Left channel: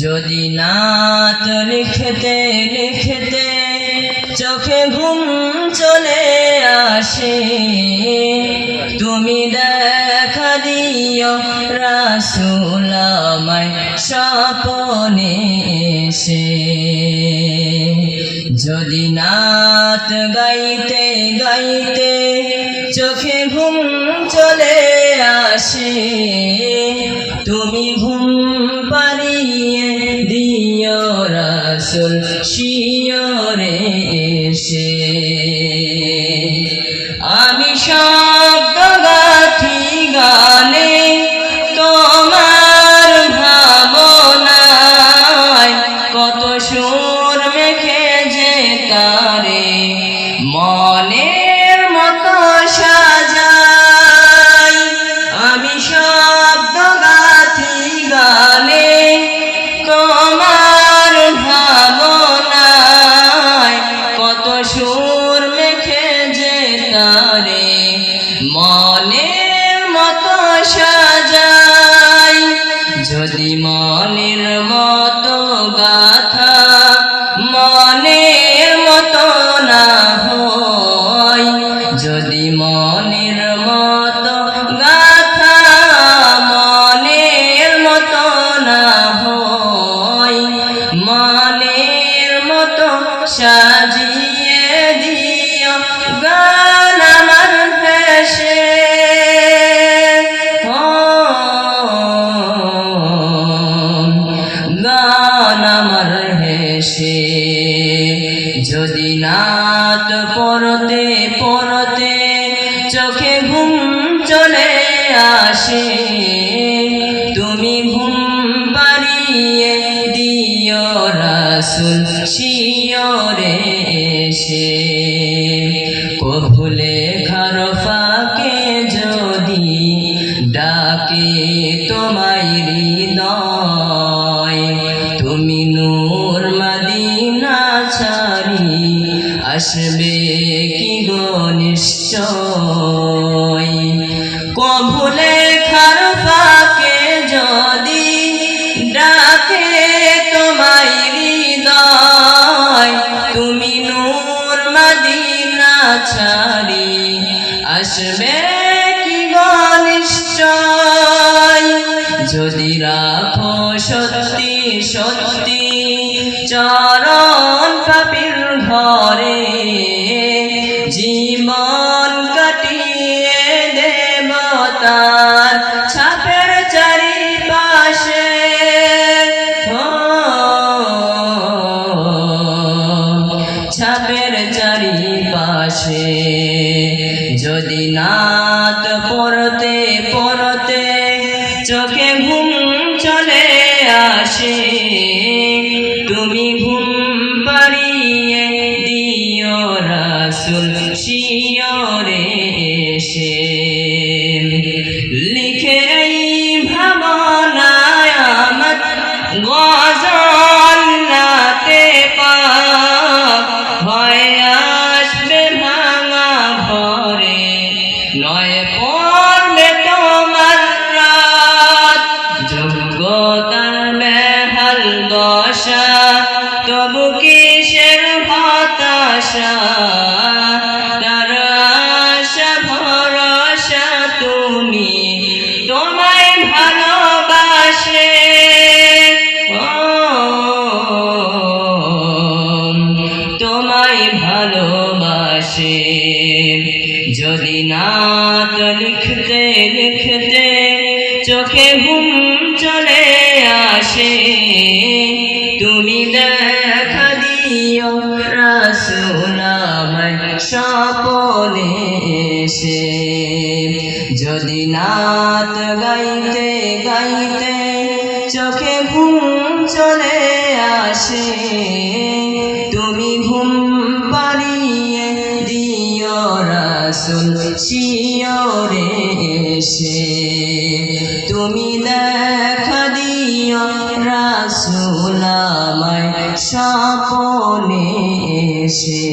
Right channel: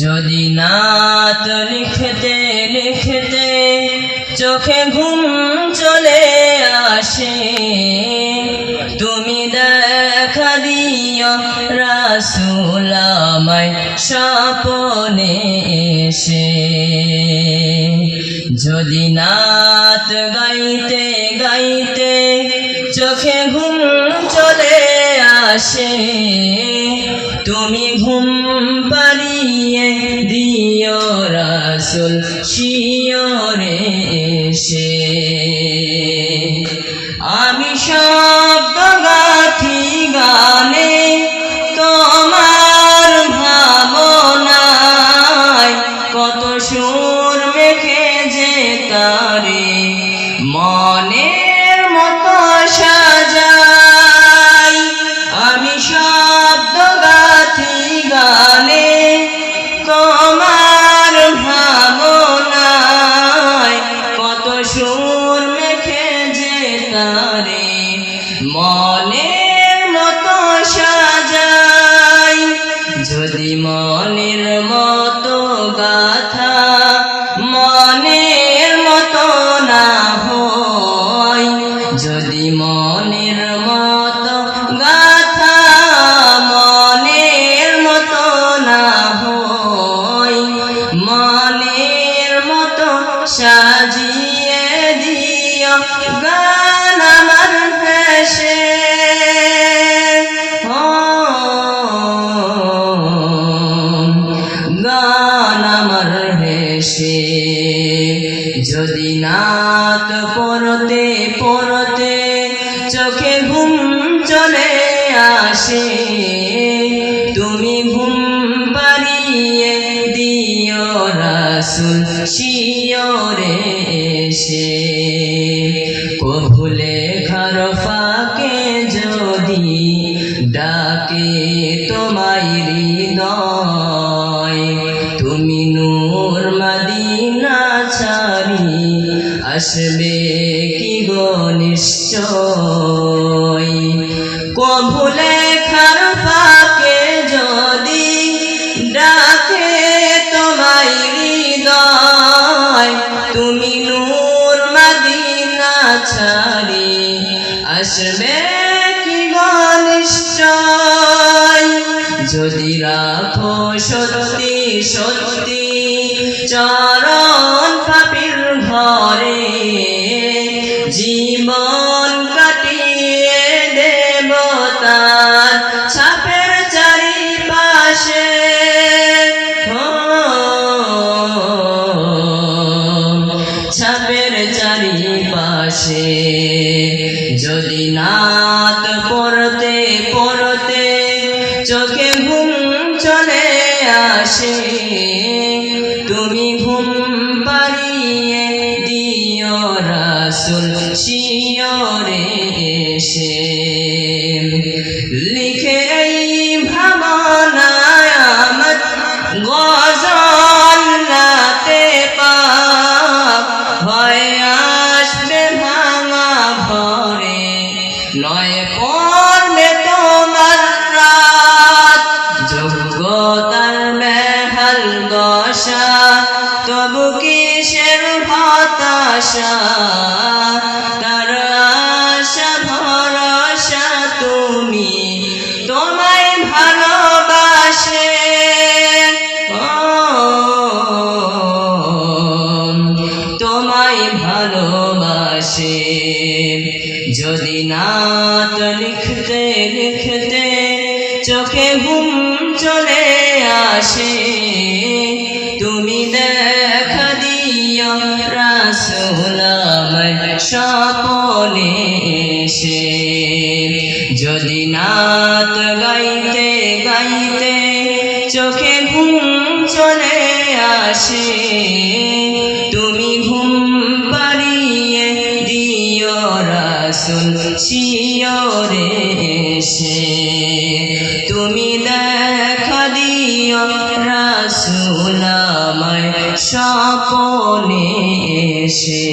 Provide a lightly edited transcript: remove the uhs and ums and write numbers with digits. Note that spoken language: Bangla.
যদি নাত লিখতে লিখতে চোখে ঘুম চলে আসে, তুমি দেখা দিও রাসূল আমায় স্বপ্নে এসে। যদি নাত গাইতে গাইতে চোখে ঘুম চলে আসে, তুমি ঘুম পাড়িয়ে দিও রাসূল শিয়রে এসে। আমি শব্দ গাথি গানে তোমার ভাবনায়, কত সুর মেখে যে তারে মনের মতো সাজাই। আমি শব্দ গাথি গানে তোমার ভাবনায়, কত সুর মেখে যে তারে মনের মতো সাজাই। যদি মনের মতো গাথা মনের মতো না হয়, যদি মনের মতো গাথা মনের মতো না হয়, মনের মতো সাজিয়ে দিও গান আমার ভেসে। গান আমার ভেসে। যদি নাত পড়তে পড়তে চোখে ঘুম চলে আসে, তুমি ঘুম পাড়িয়ে দিও রাসূল শিয়রে এসে। কভু লেখার ফাঁকে যদি ডাকে তোমায় হৃদয়, তুমি নূর মদিনা ছাড়ি আসবে কি গো নিশ্চয়। কভু লেখার ফাঁকে যদি ডাকে তোমায় হৃদয়, তুমি নূর মদিনা ছাড়ি আসবে কি গো নিশ্চয়। যদি রাখো সত্যি সত্যি চরণ পাপীর ঘরে, জীবন কাটিয়ে দেব তার ছাপের চারিপাশে। ছাপের চারিপাশে। যদি নাত পড়তে পড়তে চোখে ঘুম চলে আসে, তুমি ঘুম পাড়িয়ে দিও রাসূল শিয়রে এসে। লিখে এই ভাবনায় আমার গজল নাতে পাক, হয়ে আসবে ভাঙা ঘরে, নয় পড়বে তোমার রাত। যোগ্যতার বেহাল দশা, তবু কিসের হতাশা, তার আশা ভরসা তুমি তোমায় ভালোবাসে। তোমায় ভালোবাসে। যদি নাত লিখতে লিখতে চোখে ঘুম চলে আসে, তুমি দেখা দিও রাসূল আমায় স্বপ্নে এসে। যদি নাত গাইতে গাইতে চোখে ঘুম চলে আসে, তুমি ঘুম পাড়িয়ে দিও রাসূল শিয়রে এসে। তুমি দেখা দিও রাসূল আমায় স্বপ্নে এসে।